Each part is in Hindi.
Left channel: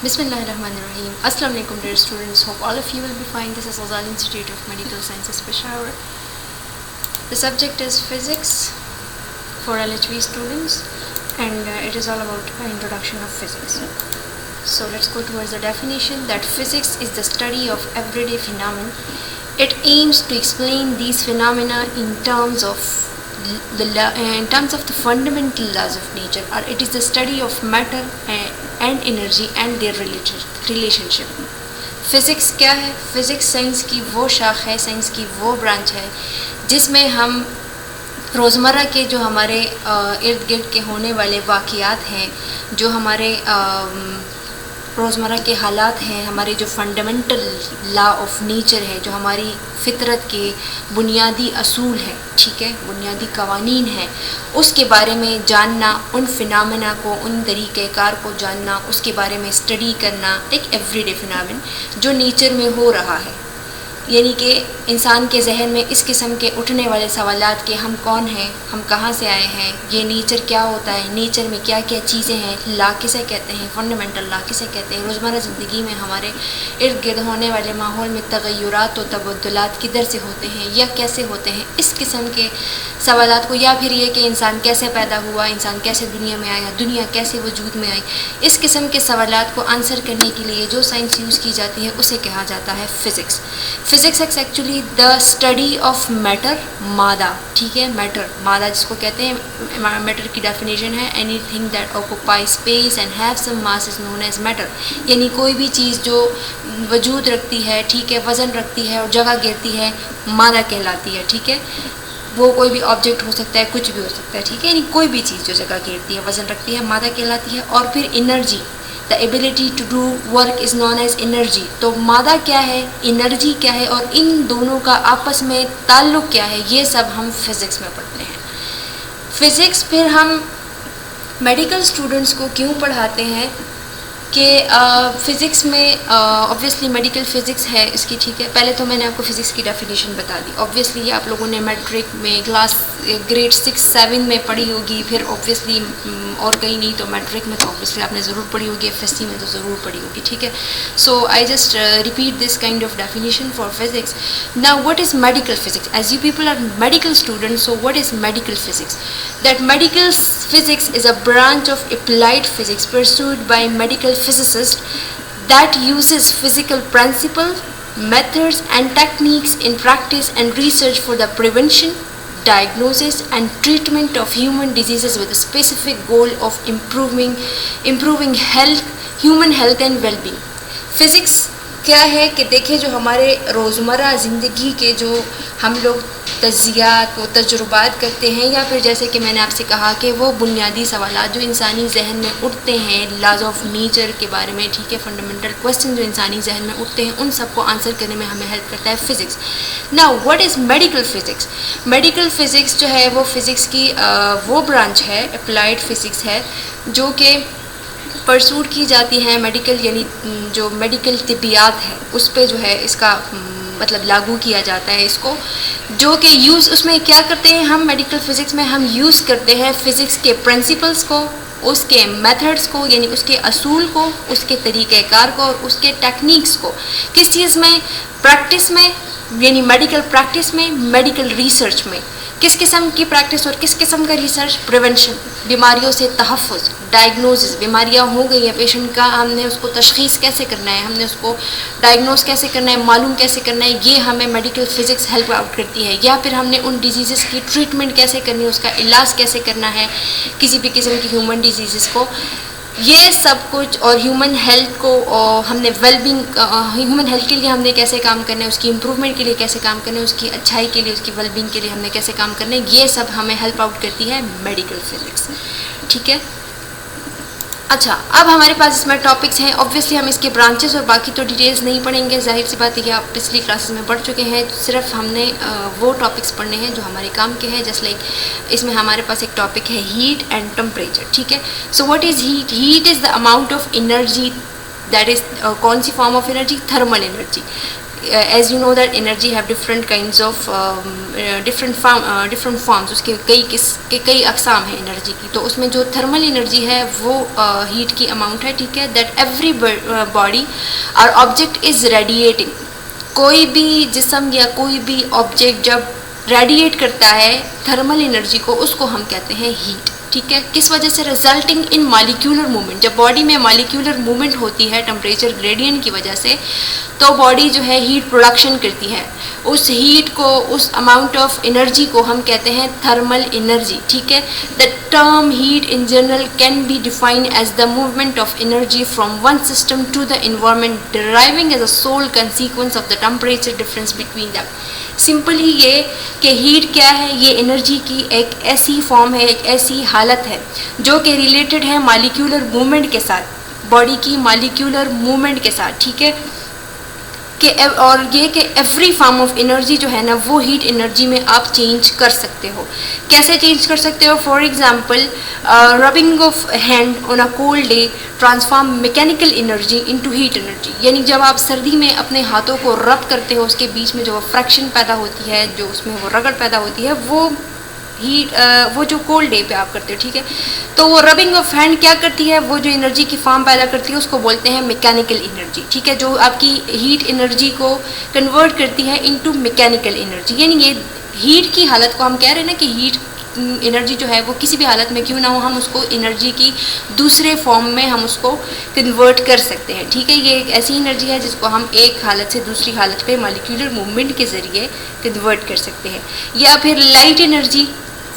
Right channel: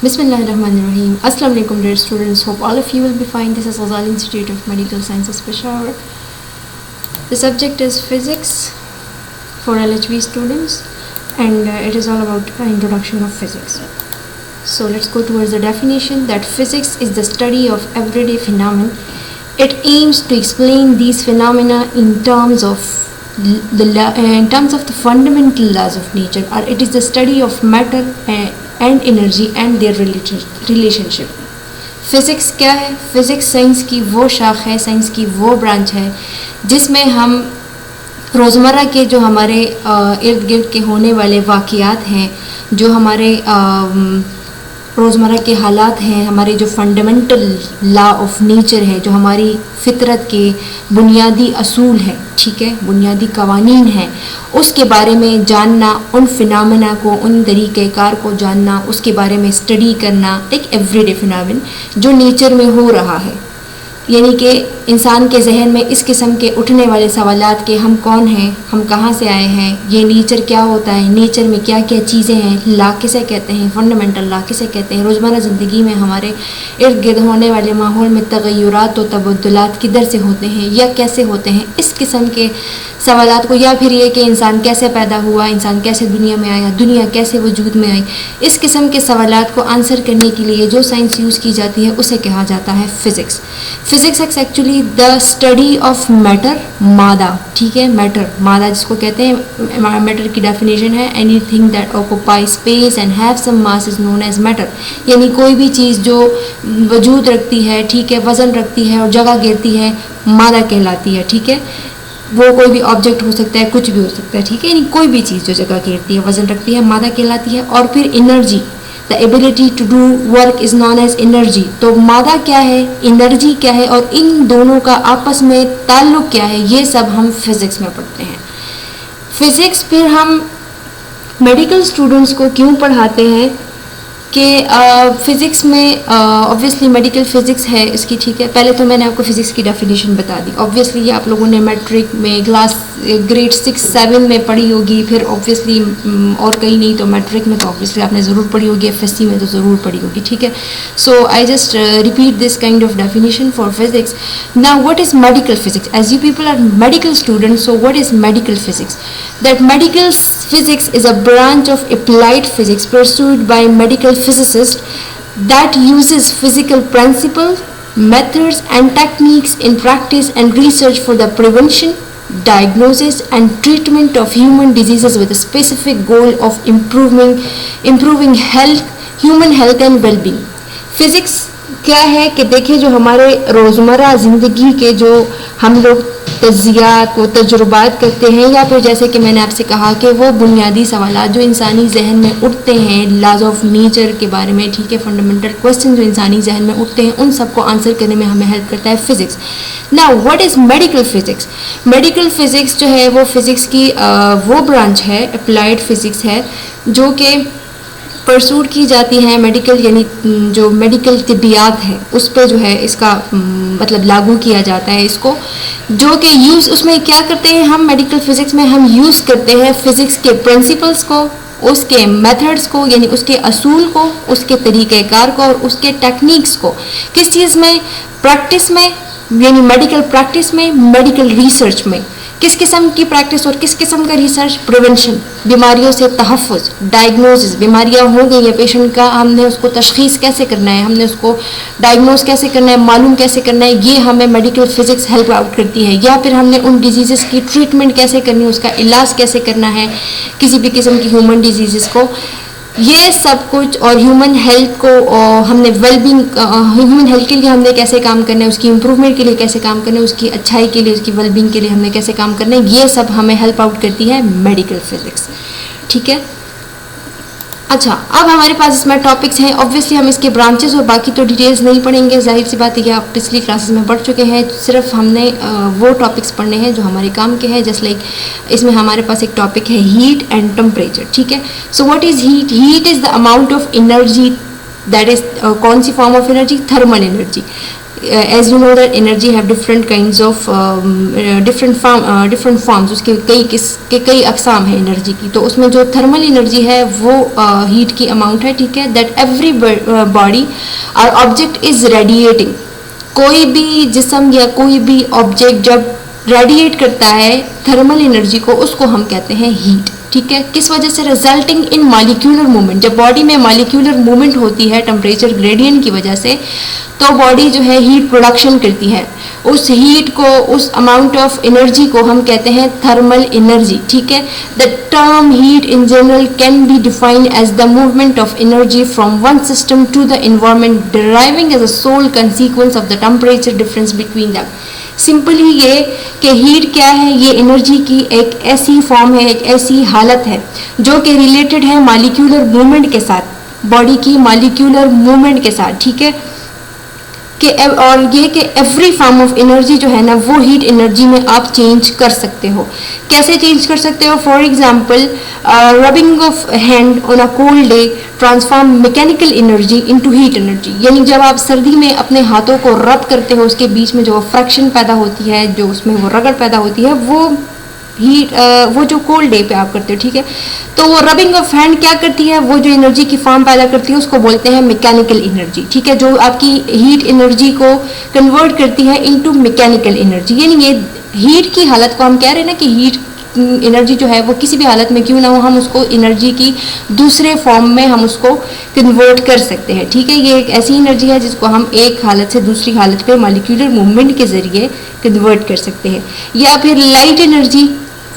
Bismillahirrahmanirrahim. Assalamu alaikum dear students. Hope all of you will be fine. This is Azal Institute of Medical Sciences Peshawar. The subject is physics for LHV students and it is all about the introduction of physics. So let's go towards the definition that physics is the study of everyday phenomena. It aims to explain these phenomena in terms of the fundamental laws of nature, or it is the study of matter and energy and their relationship. Physics क्या है? फिजिक्स साइंस की वो शाख है, साइंस की वो ब्रांच है जिसमें हम रोज़मर्रा के जो हमारे इर्द गिर्द के होने वाले वाक़ियात हैं, जो हमारे रोज़मर्रा के हालात हैं, हमारे जो फंडामेंटल लॉ ऑफ नेचर है, जो हमारी फितरत के बुनियादी असूल है, ठीक है, बुनियादी कवानीन है, उसके बारे में जानना, उन फिनोमेना को, उन तरीक़ेकार को जानना, उसके बारे में स्टडी करना, एक एवरीडे फिनोमेना जो नेचर में हो रहा है। यानी कि इंसान के जहन में इस किस्म के उठने वाले सवालात के हम कौन हैं, हम कहाँ से आए हैं, ये नेचर क्या होता है, नेचर में क्या क्या चीज़ें हैं, लॉ किसे कहते हैं, फंडामेंटल लॉ किसे कहते हैं, रोज़मर्रा ज़िंदगी में हमारे इर्द गिर्द होने वाले माहौल में तगय्युरात और तबद्दुलात किधर से होते हैं या कैसे होते हैं, इस किस्म के सवालात को, या फिर ये कि इंसान कैसे पैदा हुआ, इंसान कैसे दुनिया में आया, दुनिया कैसे वजूद में आई, इस किस्म के सवालात को आंसर करने के लिए जो साइंस यूज़ की जाती है उसे कहा जाता है physics. Physics is actually the study of matter, मादा, ठीक है, मैटर, मादा जिसको कहते हैं। मैटर की डेफिनेशन है anything that occupy space and have some mass is known as matter. यानी कोई भी चीज़ जो वजूद रखती है, ठीक है, वज़न रखती है और जगह घेरती है, मादा कहलाती है, ठीक है। वो कोई भी ऑब्जेक्ट हो सकता है, कुछ भी हो सकता है, ठीक है, यानी कोई भी चीज़ जो जगह घेरती है, वज़न रखती है, मादा कहलाती है। और फिर energy, the ability to do work is known as energy. तो मादा क्या है, एनर्जी क्या है, और इन दोनों का आपस में ताल्लुक क्या है, ये सब हम फिज़िक्स में पढ़ते हैं। फिज़िक्स फिर हम मेडिकल स्टूडेंट्स को क्यों पढ़ाते हैं कि फिज़िक्स में ऑब्वियसली मेडिकल फ़िज़िक्स है इसकी, ठीक है। पहले तो मैंने आपको फ़िज़िक्स की डेफिनेशन बता दी। ऑब्वियसली ये आप लोगों ने मैट्रिक में क्लास ग्रेड 6-7 में पढ़ी होगी, फिर ऑब्वियसली और कहीं नहीं तो मैट्रिक में तो ऑब्वियसली आपने ज़रूर पढ़ी होगी, एफएससी में तो ज़रूर पढ़ी होगी, ठीक है। So I just repeat this kind of definition for physics. Now what is medical physics? As you people are medical students, so what is medical physics? That medical physics is a branch of applied physics pursued by medical physicists that uses physical principles, methods and techniques in practice and research for the prevention, diagnosis and treatment of human diseases with a specific goal of improving health, human health and well-being. Physics क्या है कि देखिए, जो हमारे रोज़मर्रा ज़िंदगी के जो हम लोग तज्ज़ियात व तजुर्बात करते हैं, या फिर जैसे कि मैंने आपसे कहा कि वो बुनियादी सवालात जो इंसानी जहन में उठते हैं लॉज ऑफ नेचर के बारे में, ठीक है, फंडामेंटल क्वेश्चन जो इंसानी जहन में उठते हैं, उन सबको आंसर करने में हमें हेल्प करता है physics. Now what is medical physics? Medical physics जो है वो फिज़िक्स की वो ब्रांच है, अप्लाइड फ़िज़िक्स है, जो कि परसूट की जाती है मेडिकल, यानी जो मेडिकल तिब्बियात है उस पर जो है इसका मतलब लागू किया जाता है इसको, जो कि यूज़ उसमें क्या करते हैं हम मेडिकल फिज़िक्स में, हम यूज़ करते हैं फिज़िक्स के प्रिंसिपल्स को, उसके मेथड्स को, यानी उसके असूल को, उसके तरीक़ेकार को और उसके टेक्निक्स को। किस चीज़ में? प्रैक्टिस में, यानी मेडिकल प्रैक्टिस में, मेडिकल रिसर्च में। किस किस्म की प्रैक्टिस और किस किस्म का रिसर्च? प्रिवेंशन, बीमारियों से तहफ़्फ़ुज़, डायग्नोसिस, बीमारियाँ हो गई है पेशेंट का, हमने उसको तशख़ीस कैसे करना है, हमने उसको डायग्नोस कैसे करना है, मालूम कैसे करना है, ये हमें मेडिकल फिज़िक्स हेल्प आउट करती है। या फिर हमने उन डिजीज़ की ट्रीटमेंट कैसे करनी है, उसका इलाज कैसे करना है किसी भी किस्म की ह्यूमन डिजीज़ को, ये सब कुछ। और ह्यूमन हेल्थ को हमने वेलबींग, ह्यूमन हेल्थ के लिए हमने कैसे काम करना है, उसकी इम्प्रूवमेंट के लिए कैसे काम करना है, उसकी अच्छाई के लिए, उसकी वेलबींग के लिए हमने कैसे काम करना है, ये सब हमें हेल्प आउट करती है मेडिकल फिज़िक्स से, ठीक है। अच्छा, अब हमारे पास इसमें टॉपिक्स हैं। ऑब्वियसली हम इसके ब्रांचेस और बाकी तो डिटेल्स नहीं पढ़ेंगे, जाहिर सी बात है कि आप पिछली क्लासेस में पढ़ चुके हैं। सिर्फ हमने वो टॉपिक्स पढ़ने हैं जो हमारे काम के हैं। जस्ट लाइक इसमें हमारे पास एक टॉपिक है हीट एंड टेम्परेचर, ठीक है। So what is heat? Heat is the amount of energy that is, कौन सी form of energy? Thermal energy. As you know that energy have different kinds of different forms, उसके कई अकसाम है एनर्जी की। तो उसमें जो थर्मल एनर्जी है वो हीट की अमाउंट है, ठीक है, दैट एवरी बॉडी और ऑब्जेक्ट इज रेडिएटिंग। कोई भी जिस्म या कोई भी ऑब्जेक्ट जब रेडिएट करता है थर्मल एनर्जी को, उसको हम कहते हैं हीट, ठीक है। किस वजह से? Resulting in molecular movement. जब बॉडी में मॉलिक्यूलर मूवमेंट होती है टेम्परेचर ग्रेडियंट की वजह से, तो बॉडी जो है हीट प्रोडक्शन करती है। उस हीट को, उस अमाउंट ऑफ एनर्जी को हम कहते हैं थर्मल एनर्जी, ठीक है। The term heat in general can be defined as the movement of energy from one system to the environment deriving as a sole consequence of the temperature difference between them. Simply ये कि हीट क्या है, ये एनर्जी की एक ऐसी फॉर्म है, एक ऐसी हालत है जो कि रिलेटेड है मॉलिक्यूलर मूवमेंट के साथ, बॉडी की मॉलिक्यूलर मूवमेंट के साथ, ठीक है। और ये कि एवरी फॉर्म ऑफ एनर्जी जो है ना, वो हीट एनर्जी में आप चेंज कर सकते हो। कैसे चेंज कर सकते हो? For example, rubbing of hand on a cold day transform mechanical energy into heat energy. यानी जब आप सर्दी में अपने हाथों को रब करते हो, उसके बीच में जो फ्रैक्शन पैदा होती है, जो उसमें वो रगड़ पैदा होती है, वो जो कोल्ड डे पे आप करते हो, ठीक है। तो वो रबिंग ऑफ हैंड क्या करती है? वो जो एनर्जी की फॉर्म पैदा करती है उसको बोलते हैं मैकेनिकल एनर्जी, ठीक है, जो आपकी हीट एनर्जी को कन्वर्ट करती है इनटू मैकेनिकल एनर्जी। यानी ये हीट की हालत को हम कह रहे हैं ना कि हीट एनर्जी जो है वो किसी भी हालत में क्यों ना हो, हम उसको एनर्जी की दूसरे फॉर्म में हम उसको कन्वर्ट कर सकते हैं, ठीक है। ये एक ऐसी एनर्जी है जिसको हम एक हालत से दूसरी हालत को मॉलिक्यूलर मूवमेंट के जरिए कन्वर्ट कर सकते हैं। या फिर light energy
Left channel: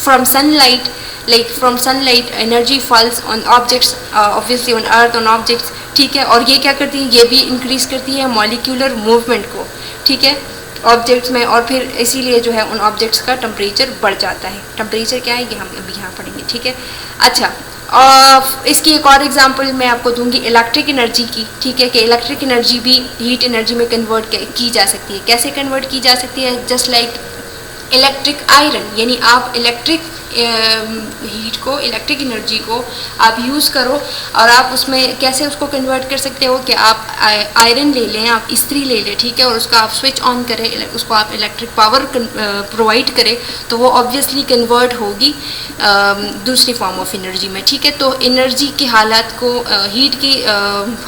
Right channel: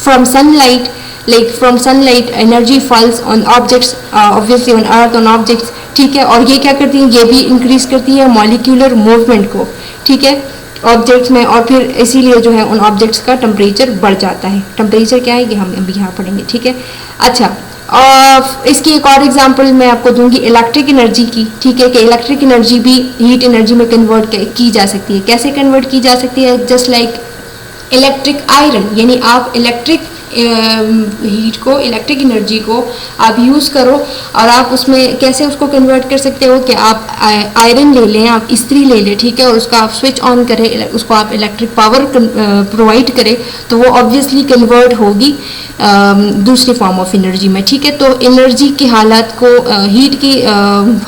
from sunlight, like from sunlight energy falls on objects, obviously on earth, on objects, ठीक है। और ये क्या करती है? ये भी इंक्रीज करती है मॉलिक्यूलर मूवमेंट को, ठीक है, ऑब्जेक्ट्स में। और फिर इसीलिए जो है उन ऑब्जेक्ट्स का टेम्परेचर बढ़ जाता है। टेम्परेचर क्या है ये हम अभी यहाँ पढ़ेंगे, ठीक है। अच्छा, और इसकी एक और एग्जांपल मैं आपको दूंगी इलेक्ट्रिक एनर्जी की, ठीक है, कि इलेक्ट्रिक एनर्जी भी हीट एनर्जी में कन्वर्ट की जा सकती है। कैसे कन्वर्ट की जा सकती है? जस्ट लाइक इलेक्ट्रिक आयरन, यानी आप इलेक्ट्रिक हीट को, इलेक्ट्रिक एनर्जी को आप यूज करो और आप उसमें कैसे उसको कन्वर्ट कर सकते हो कि आप आयरन ले लें, आप इस्त्री ले लें, ठीक है, और उसका आप स्विच ऑन करें, उसको आप इलेक्ट्रिक पावर प्रोवाइड करें, तो वो ऑब्वियसली कन्वर्ट होगी दूसरी फॉर्म ऑफ एनर्जी में, ठीक है। तो एनर्जी की हालत को, हीट की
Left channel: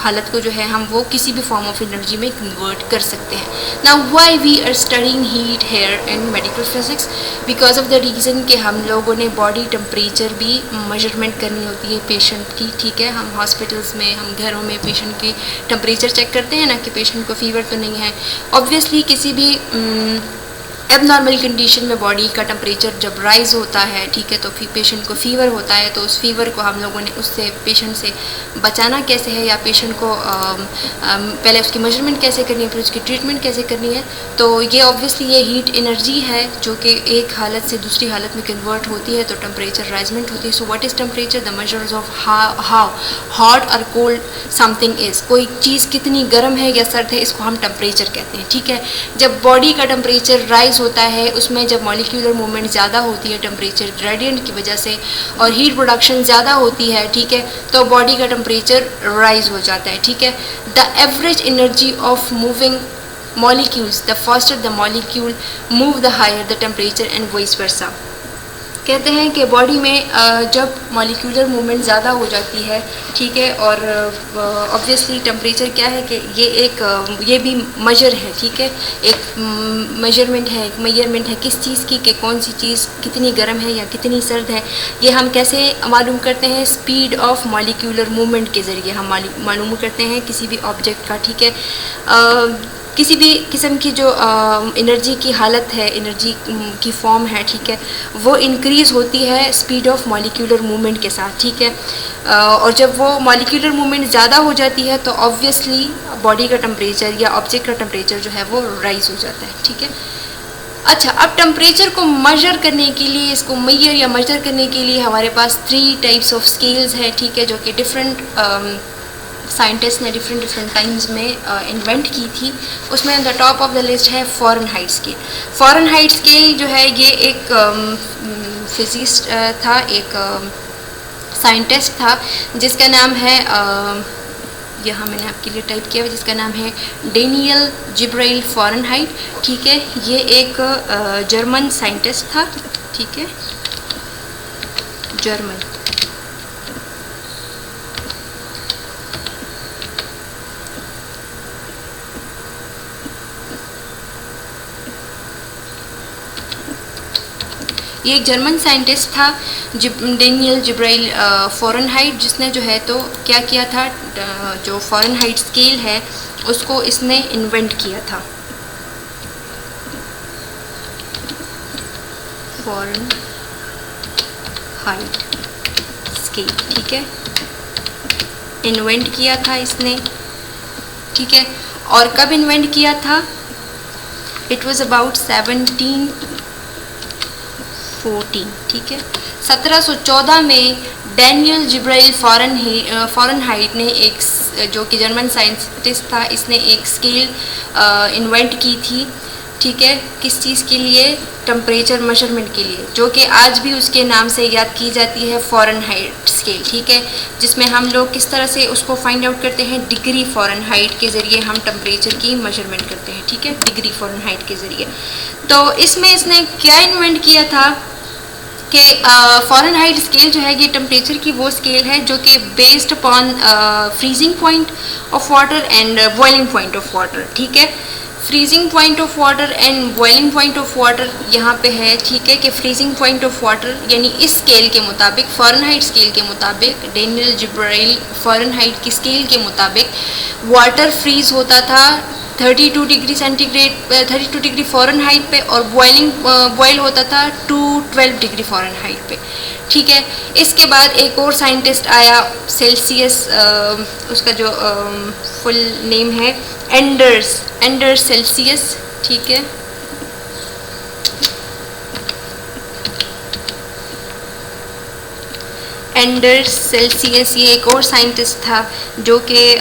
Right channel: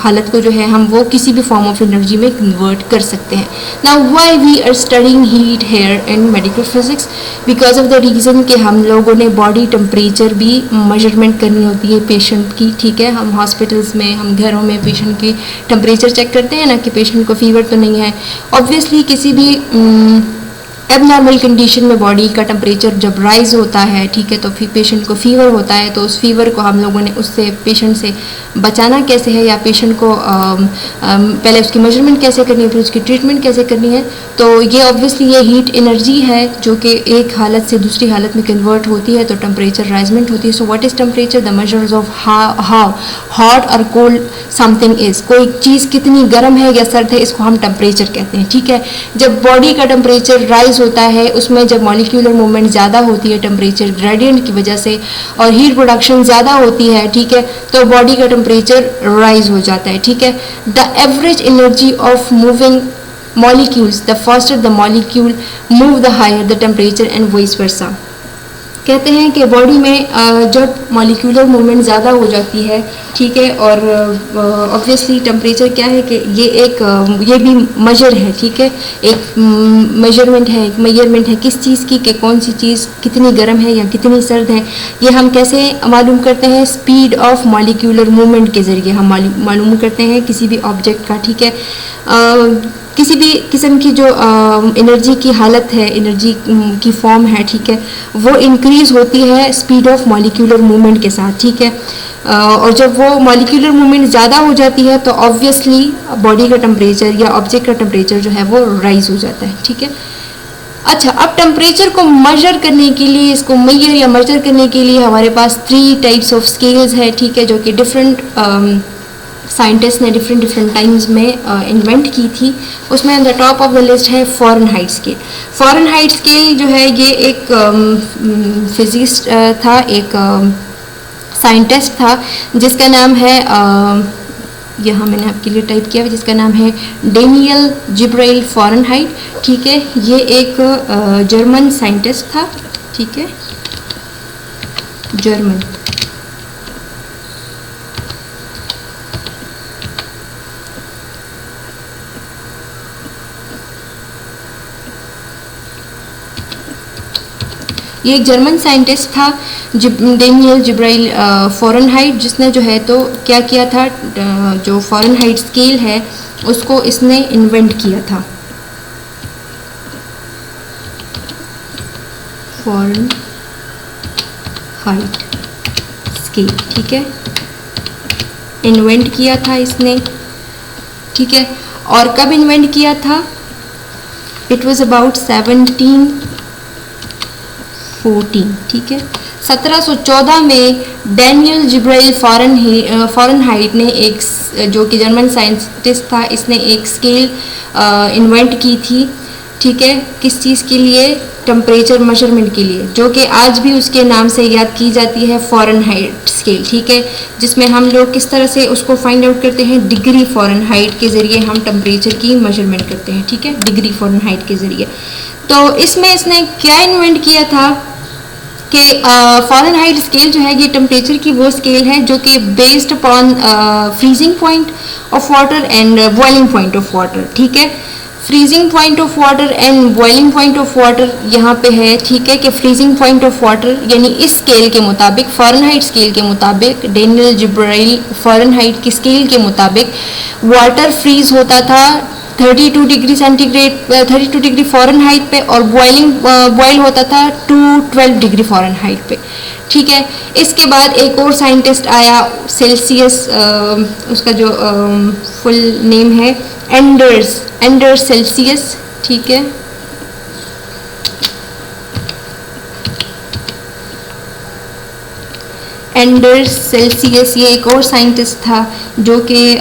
हालत को जो है हम वो किसी भी फॉर्म ऑफ एनर्जी में कन्वर्ट कर सकते हैं। Now why we are studying heat here in medical physics? Because of the reason कि हम लोगों ने बॉडी टेम्परेचर भी मेजरमेंट करनी होती है पेशेंट की, ठीक है। हम हॉस्पिटल्स में, हम घरों में पेशेंट की टेम्परेचर चेक करते हैं ना कि पेशेंट को फीवर तो नहीं है। ऑब्वियसली किसी भी एबनॉर्मल कंडीशन में बॉडी का टेम्परेचर जब राइज होता है, ठीक है, तो फिर पेशेंट को फीवर होता है। तो उस फीवर को हम लोगों ने उससे पेशेंट से बचाना कैसे है, या पेशेंट को पहले उसकी मेजरमेंट कैसे करनी है, फिर उसकी ट्रीटमेंट कैसे करनी है। तो ये ऑब्वियसली ये हीट एनर्जी है जो कि एक हालत से दूसरी हालत में कन्वर्ट होती है, तो टेम्परेचर राइजमेंट होती है। So what is temperature? The measures of how hot और कोल्ड समथिंग इज। कोई चीज़ कितनी गर्म है या सर्द है, इसको हम टेम्परेचर कहते हैं, ठीक है। जब बॉडी का टेम्परेचर राइज होता है, उसमें जब मॉलिक्यूलर मूवमेंट ज़्यादा होती है टेम्परेचर ग्रेडियंट की वजह से, और हीट प्रोडक्शन ज़्यादा होती है, ठीक है, तो बॉडी का टेम्परेचर राइज हो जाता है, ठीक है। The average energy of moving molecules, the faster the molecule move the higher the temperature and vice versa। कहते हैं कि बॉडी में जब मॉलिक्यूलर मूवमेंट ज़्यादा हो जाती है, ठीक है, और ऑब्वियसली टेम्परेचर क्या है कि ये भी मेजर है, ठीक है, एक मेजरमेंट है किस चीज़ की, कि कौन सी चीज़ कितनी गर्म है या कितनी सर्द है। ये हम कैसे मालूम करते हैं? स्पीड ऑफ मॉलिक्यूलर मूवमेंट के जरिए हम मालूम करते हैं किसी भी ऑब्जेक्ट का, ठीक है। किसी भी किस्म की जो एनर्जी की हालत है, एनर्जी की फॉर्म है, ठीक है, वो इंक्रीज होती है स्पीड ऑफ मॉलिक्यूलर मूवमेंट के साथ, ठीक है। और जब वो मॉलिक्यूलर मूवमेंट ज़्यादा हो जाती है तो ऑब्वियसली बॉडी का टेम्परेचर या ऑब्जेक्ट का टेम्परेचर जो है वो राइज हो जाता है, ठीक है। अच्छा, अब टेम्परेचर को मेजर करने के लिए, इसको मेजर या मेजर करने के लिए हमारे पास 3 टाइप्स ऑफ स्केल्स है, ठीक है, जो कि डिफरेंट साइंटिस्ट ने डिफरेंट टाइम्स में इन्वेंट की थी। उसमें the top of the list है फ़ारेनहाइट स्केल। फ़ारेनहाइट स्केल जो है ये एक फिजिसिस्ट था, एक साइंटिस्ट था जिसका नाम है यहाँ मैंने आपके लिए टाइप किया जिसका नाम है डेनियल जिब्राइल फ़ारेनहाइट। ठीक है, ये एक जर्मन साइंटिस्ट था। ठीक है, जर्मन। ये एक जर्मन साइंटिस्ट था डेनियल जिब्राइल फ़ारेनहाइट, जिसने जो है तो क्या किया था, जो फ़ारेनहाइट स्केल है उसको इसने इन्वेंट किया था। फ़ारेनहाइट स्केल, ठीक है, इन्वेंट किया था इसने। ठीक है, और कब इन्वेंट किया था? It was about 1714। ठीक है, 1714 में डेनियल जिब्राइल फ़ारेनहाइट ने एक, जो कि जर्मन साइंटिस्ट था, इसने एक स्केल इन्वेंट की थी। ठीक है, किस चीज़ के लिए? टेम्परेचर मेजरमेंट के लिए, जो कि आज भी उसके नाम से याद की जाती है, फ़ारेनहाइट स्केल। ठीक है, जिसमें हम लोग किस तरह से उसको फाइंड आउट करते हैं? डिग्री फ़ारेनहाइट के ज़रिए हम टेम्परेचर की मेजरमेंट करते हैं। ठीक है, डिग्री फ़ारेनहाइट के ज़रिए। तो इसमें इसने क्या इन्वेंट किया था कि फ़ारेनहाइट स्केल जो है ये टेम्परेचर की वो स्केल है जो कि based upon freezing point of water and boiling point of water. ठीक है, freezing point of water and boiling point of water यहाँ पे है। ठीक है, कि फ्रीजिंग पॉइंट ऑफ वाटर यानी इस स्केल के मुताबिक, फ़ारेनहाइट स्केल के मुताबिक, डेनियल जिब्राइल फ़ारेनहाइट की स्केल के मुताबिक वाटर फ्रीज होता था 32 डिग्री सेंटीग्रेड, 32 डिग्री फ़ारेनहाइट पे, और बॉयल होता था 212 डिग्री फ़ारेनहाइट पे। ठीक है, इसके बाद एक और साइंटिस्ट आया, सेल्सियस, उसका जो फुल नेम है एंडर्स सेल्सियस। ठीक है, एंडर्स सेल्सियस, ये एक और साइंटिस्ट था जो कि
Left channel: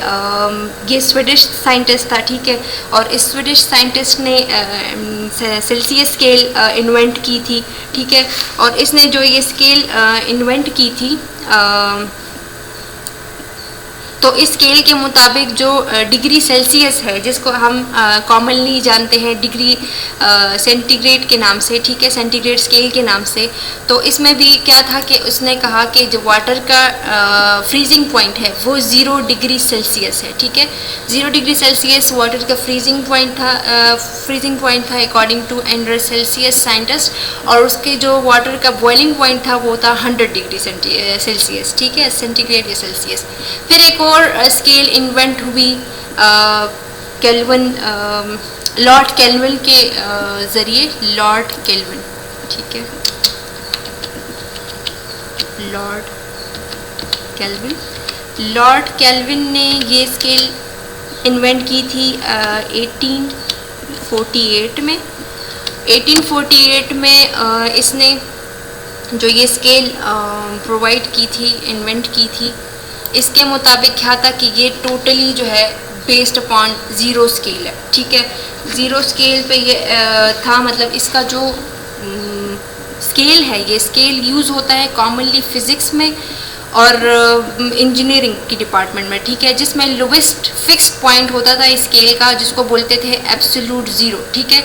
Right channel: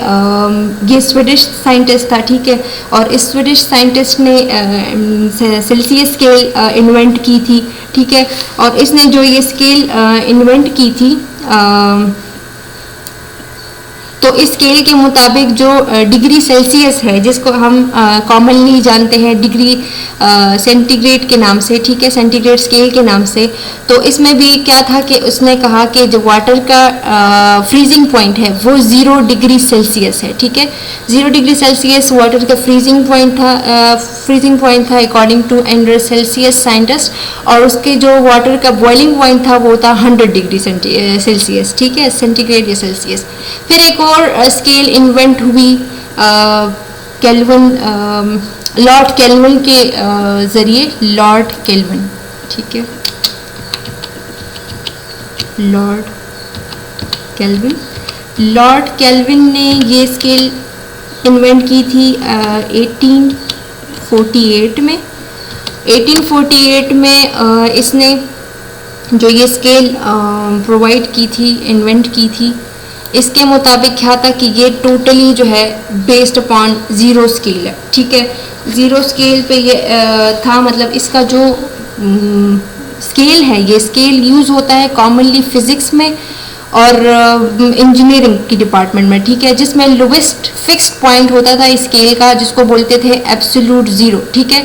ये स्वीडिश साइंटिस्ट था। ठीक है, और इस स्वीडिश साइंटिस्ट ने सेल्सियस स्केल इन्वेंट की थी। ठीक है, और इसने जो ये स्केल इन्वेंट की थी, तो इस स्केल के मुताबिक जो डिग्री सेल्सियस है, जिसको हम कॉमनली जानते हैं डिग्री सेंटीग्रेड के नाम से, ठीक है, सेंटीग्रेड स्केल के नाम से, तो इसमें भी क्या था कि उसने कहा कि जो वाटर का फ्रीजिंग पॉइंट है वो 0 डिग्री सेल्सियस है। ठीक है, 0 डिग्री सेल्सियस वाटर का फ्रीजिंग पॉइंट था according to Anders Celsius scientist, और उसके जो वाटर का बॉइलिंग पॉइंट था वो था 100 डिग्री सेल्सियस। ठीक है, सेंटीग्रेड या सेल्सियस। फिर एक और स्केल इन्वेंट हुई केल्विन, लॉर्ड केल्विन के जरिए, लॉर्ड केल्विन। ठीक है, लॉर्ड केल्विन ने ये स्केल इन्वेंट की थी 1848 में। 1848 में इसने जो ये स्केल प्रोवाइड की थी, इन्वेंट की थी, इसके मुताबिक क्या था कि ये टोटली जो है बेस्ड अपॉन 0 स्केल है। ठीक है, 0 स्केल पे ये था, मतलब इसका जो स्केल है, ये स्केल यूज होता है कॉमनली फिजिक्स में और इंजीनियरिंग की डिपार्टमेंट में। ठीक है, जिसमें लोवेस्ट फिक्स्ड पॉइंट होता था इस स्केल का, जिसको बोलते थे एब्सोल्यूट जीरो। ठीक है,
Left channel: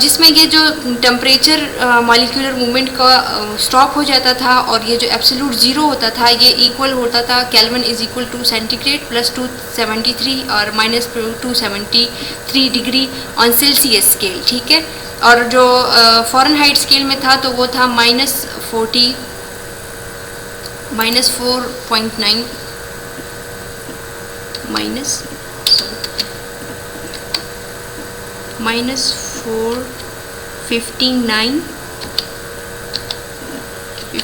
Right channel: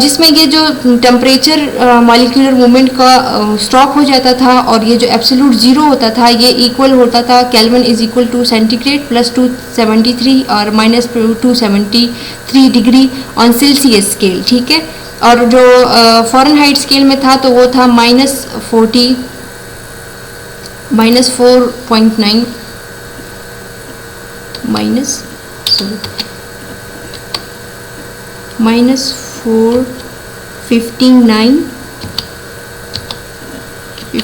जिसमें ये जो टेम्परेचर मॉलिक्यूलर मूवमेंट का स्टॉप हो जाता था, और ये जो एब्सोल्यूट जीरो होता था ये इक्वल होता था Kelvin is equal to centigrade plus 273 और minus 273 degree on Celsius scale. ठीक है, और जो फ़ारेनहाइट स्केल में था तो वो था -4.9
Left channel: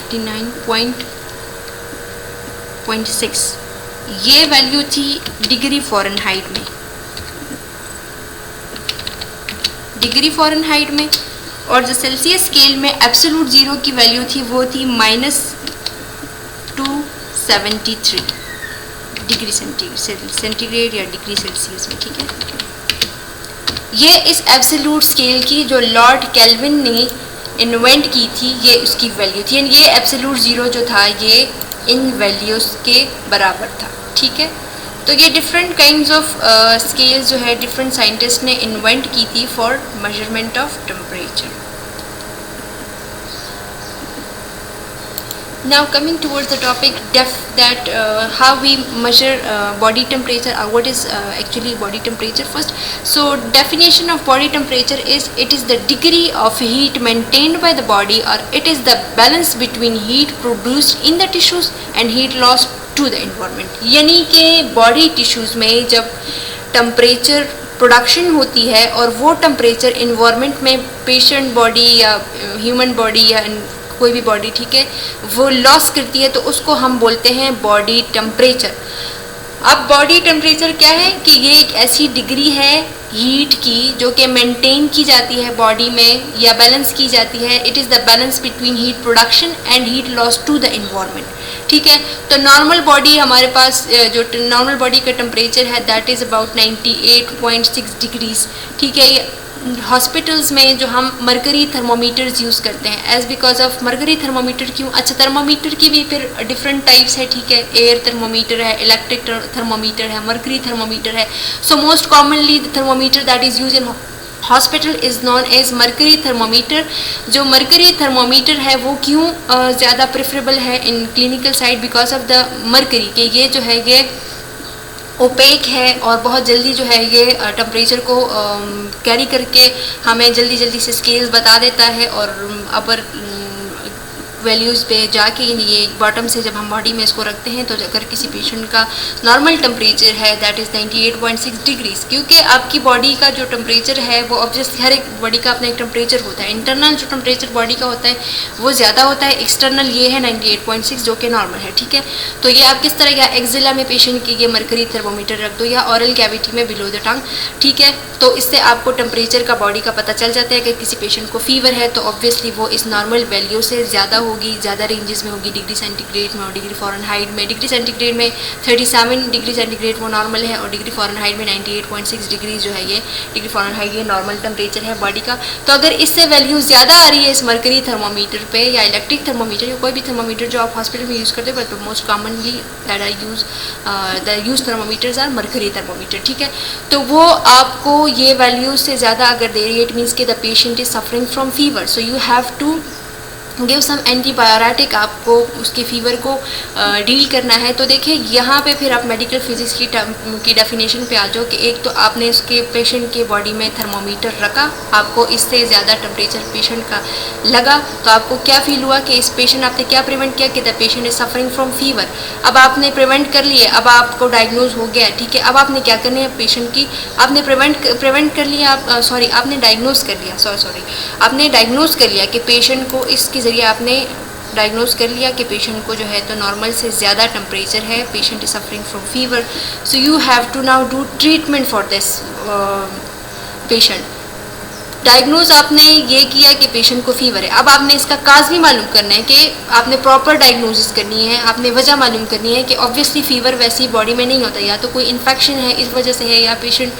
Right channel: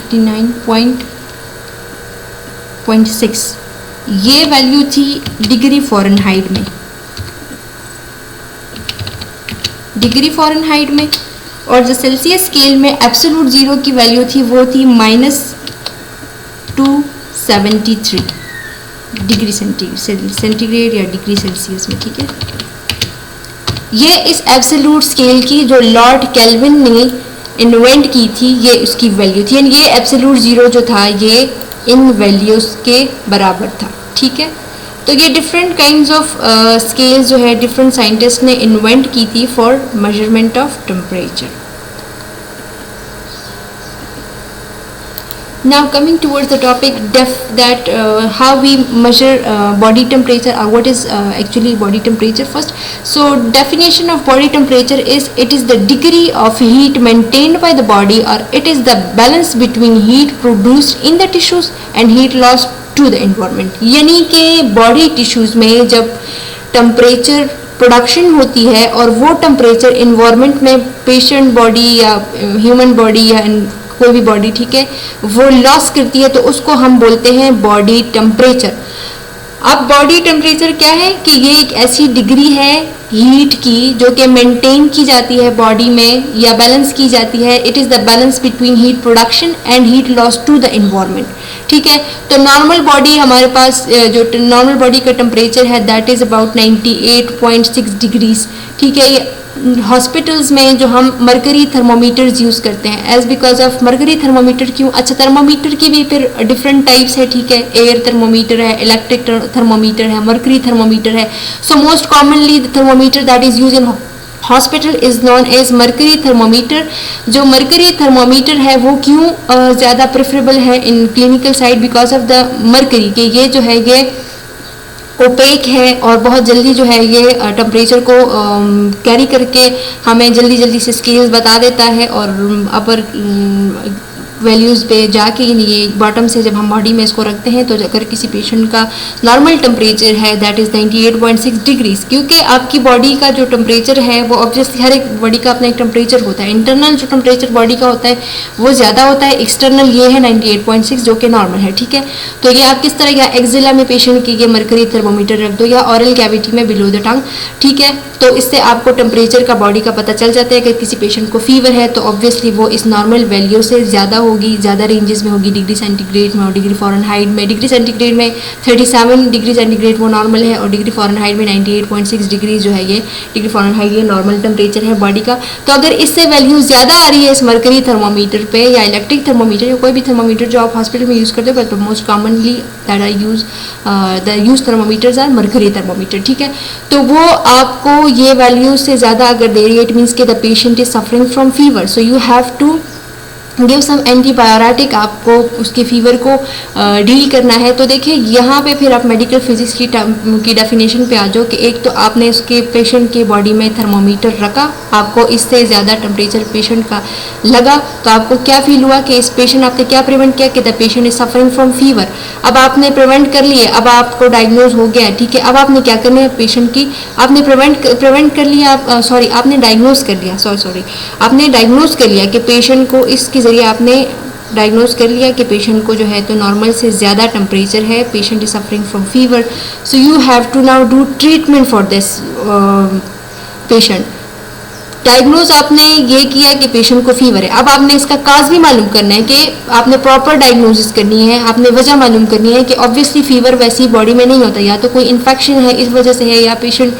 59.6 ये वैल्यू थी डिग्री फ़ारेनहाइट में, और जो सेल्सियस स्केल में एब्सोल्यूट जीरो की वैल्यू थी वो थी -273 डिग्री सेंटीग्रेड या डिग्री सेल्सियस में। ठीक है, ये इस एब्सोल्यूट स्केल की जो लॉर्ड केल्विन ने इन्वेंट की थी, ये उसकी वैल्यू थी। ये एब्सोल्यूट जीरो जो था ये इन वैल्यूज के बराबर था। ठीक है, तो ये डिफरेंट काइंड्स ऑफ स्केल्स जो है डिफरेंट साइंटिस्ट ने इन्वेंट की थी for measurement of temperature. Now coming towards the topic that how we measure body temperature, what is actually body temperature first. So definition of body temperature is it is the degree of heat maintained by the body, or it is the balance between heat produced in the tissues and heat lost to the environment. यानी कि body tissues में जब temperature प्रोडक्शन होती है और वो टेम्परेचर इन्वायरमेंट में पेशेंट बॉडी या ह्यूमन बॉडी या कोई भी बॉडी, ठीक है, वो लॉस करती है, तो उसको हम बोलते हैं बॉडी टेम्परेचर. अब बॉडी टेम्परेचर क्या है कि ये एक ऐसी डिग्री है हीट की जो कि मेंटेन की जाती है बॉडी में या बैलेंस की जाती है. It is the balance between heat production and heat loss to the environment. ठीक है, तो नॉर्मल बॉडी हमारे पास जो नॉर्मल बॉडी का टेम्परेचर है दैट इज अबाउट 98.6 डिग्रीज. ठीक है, हॉस्पिटल्स में जो हम मरकरी थर्मोमीटर्स यूज करते हैं as because of mercury thermometer क्यों. अच्छा, थर्मोमीटर की भी फिर डिफरेंट टाइप्स है. ठीक है, एयर थर्मोमीटर है, इलेक्ट्रिक थर्मोमीटर है, मरकरी थर्मोमीटर है. So most commonly thermometer that is use in hospital is known as mercury thermometer. जो मरकरी थर्मोमीटर है वो क्यों ज़्यादा प्रेफरेबल है in clinical side because of the mercury के ये जो है ये ओपेक है और बहुत जल्दी जो है ये टेम्परेचर को कैरी करके हमें जल्दी जल्दी से स्केल्स बता देता है और अपर वैल्यूज़ पे जाके ये बॉटम से जब हम बॉडी में इसको रखते हैं तो अगर किसी पेशेंट का नॉर्मल टेम्परेचर है दैट इज 98.6 डिग्रीज. क्योंकि आपकी बॉडी का जो टेम्परेचर है वो ऑब्वियसली हर एक बॉडी का अपना एक टेम्परेचर होता है. इंटरनल जो टेम्परेचर बॉडी का होता है वो ज़्यादा होता है, एक्सटर्नल ये है 98.6 जो कि नॉर्मल है. ठीक है, तो ये आप किस तरह या एक्जिला में पेशेंट की ये मरकरी थर्मोमीटर रख दो या ऑरल कैविटी में बिलो द टंग. ठीक है, तो इससे आपको टेम्परेचर का बॉडी का पता चल जाता है कि किसी पेशेंट को फीवर है तो ऑब्वियसली वो इस नॉर्मल वैल्यू से ज़्यादा होगी, ज़्यादा रेंजेस में होगी. डिग्री सेंटीग्रेड में और डिग्री फ़ारेनहाइट में. डिग्री सेंटीग्रेड में 37 डिग्री सेंटीग्रेड वो नॉर्मल है और डिग्री फ़ारेनहाइट में 98.6 डिग्री जो है ये डिग्री फ़ारेनहाइट ये नॉर्मल टेम्परेचर है बॉडी का. तो अगर इससे वैल्यू ज़्यादा आ रही है इस मरकरी थर्मोमीटर पे या इलेक्ट्रिक थर्मोमीटर या कोई भी थर्मोमीटर जो आप हॉस्पिटल में यूज़ करते हैं, but most commonly that are use thermometers are mercury thermometer. ठीक है, तो वो आपको ये वैल्यू से ज़्यादा अगर दे रही है इट मीन्स के the patient is suffering from fever, so you have to give some antibiotic. आपको उसके फीवर को डील करना है. तो देखिए यहाँ पे फिर आप मेडिकल फिजिक्स की डेफिनेशन पे आ जाओ कि एक तो आपने उसके पेशेंट के बॉडी में थर्मोमीटर रखा, आपको इससे ज़्यादा टेम्परेचर पेशेंट का लगा, तो आपको क्या फील हुआ कि इस पेशेंट आपने क्या प्रिवेंट किया कि the patient is suffering from fever. अब आपने प्रिवेंट कर लिए, अब आपको डायग्नोज हो गया. ठीक है, अब आपने क्या करना है पेशेंट की, आपने प्रिवेंट कर लिया, आपने डायग्नोज कर लिया, आपने डायग्नोज कर लिया कि पेशेंट को इसके जरिए आपने डायग्नोज कर लिया कि पेशेंट को जो है तो नॉर्मल से ज़्यादा टेम्परेचर है, patient is suffering from fever. So you have to now do treatment for this patient. Diagnose आपने ये किया कि पेशेंट को फीवर है. अब आपने इसका काज भी मालूम करना है कि आपने प्रॉपर डायग्नोसिस करनी है, आपने वजह मालूम करनी है कि ऑब्वियसली फीवर वैसी बॉडी में नहीं होता, या तो कोई इन्फेक्शन है इस वजह से है या पेशेंट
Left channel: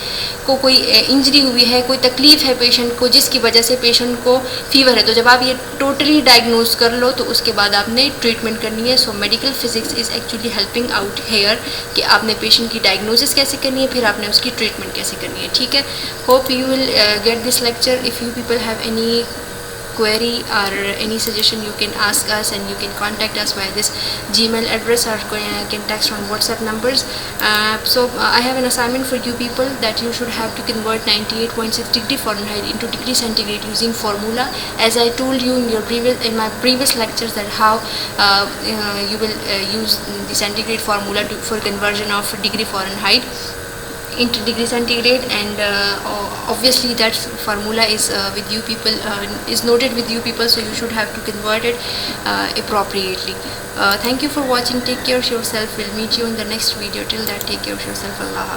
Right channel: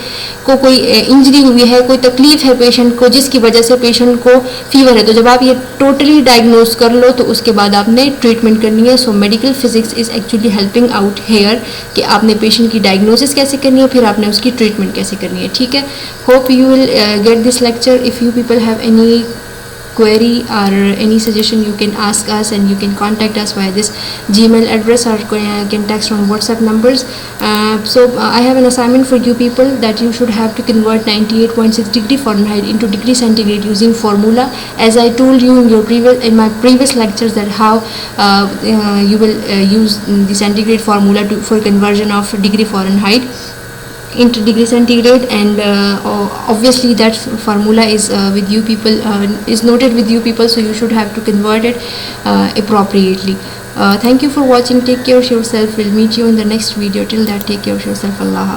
को कोई इंजरी हुई है, कोई तकलीफ है पेशेंट को जिसकी वजह से पेशेंट को फीवर है. तो जब आप ये टोटली डायग्नोज कर लो तो उसके बाद आपने ट्रीटमेंट करनी है. So medical physics is actually helping out here कि आपने पेशेंट की डायग्नोसिस कैसे करनी है, फिर आपने उसकी ट्रीटमेंट कैसे करनी है. ठीक है, hope you will get this lecture. If you people have any query or any suggestion you can ask us and you can contact us via this Gmail address or can text from WhatsApp numbers. I have an assignment for you people that you should have to convert 98.6 degree Fahrenheit into degree centigrade using formula, as I told you in my previous lectures that how you will use the centigrade formula for conversion of degree Fahrenheit into degree centigrade, and obviously that formula is with you people, is noted with you people, so you should have to convert it appropriately. Thank you for watching. Take care of yourself. We'll meet you in the next video. Till that, take care of yourself. Allah.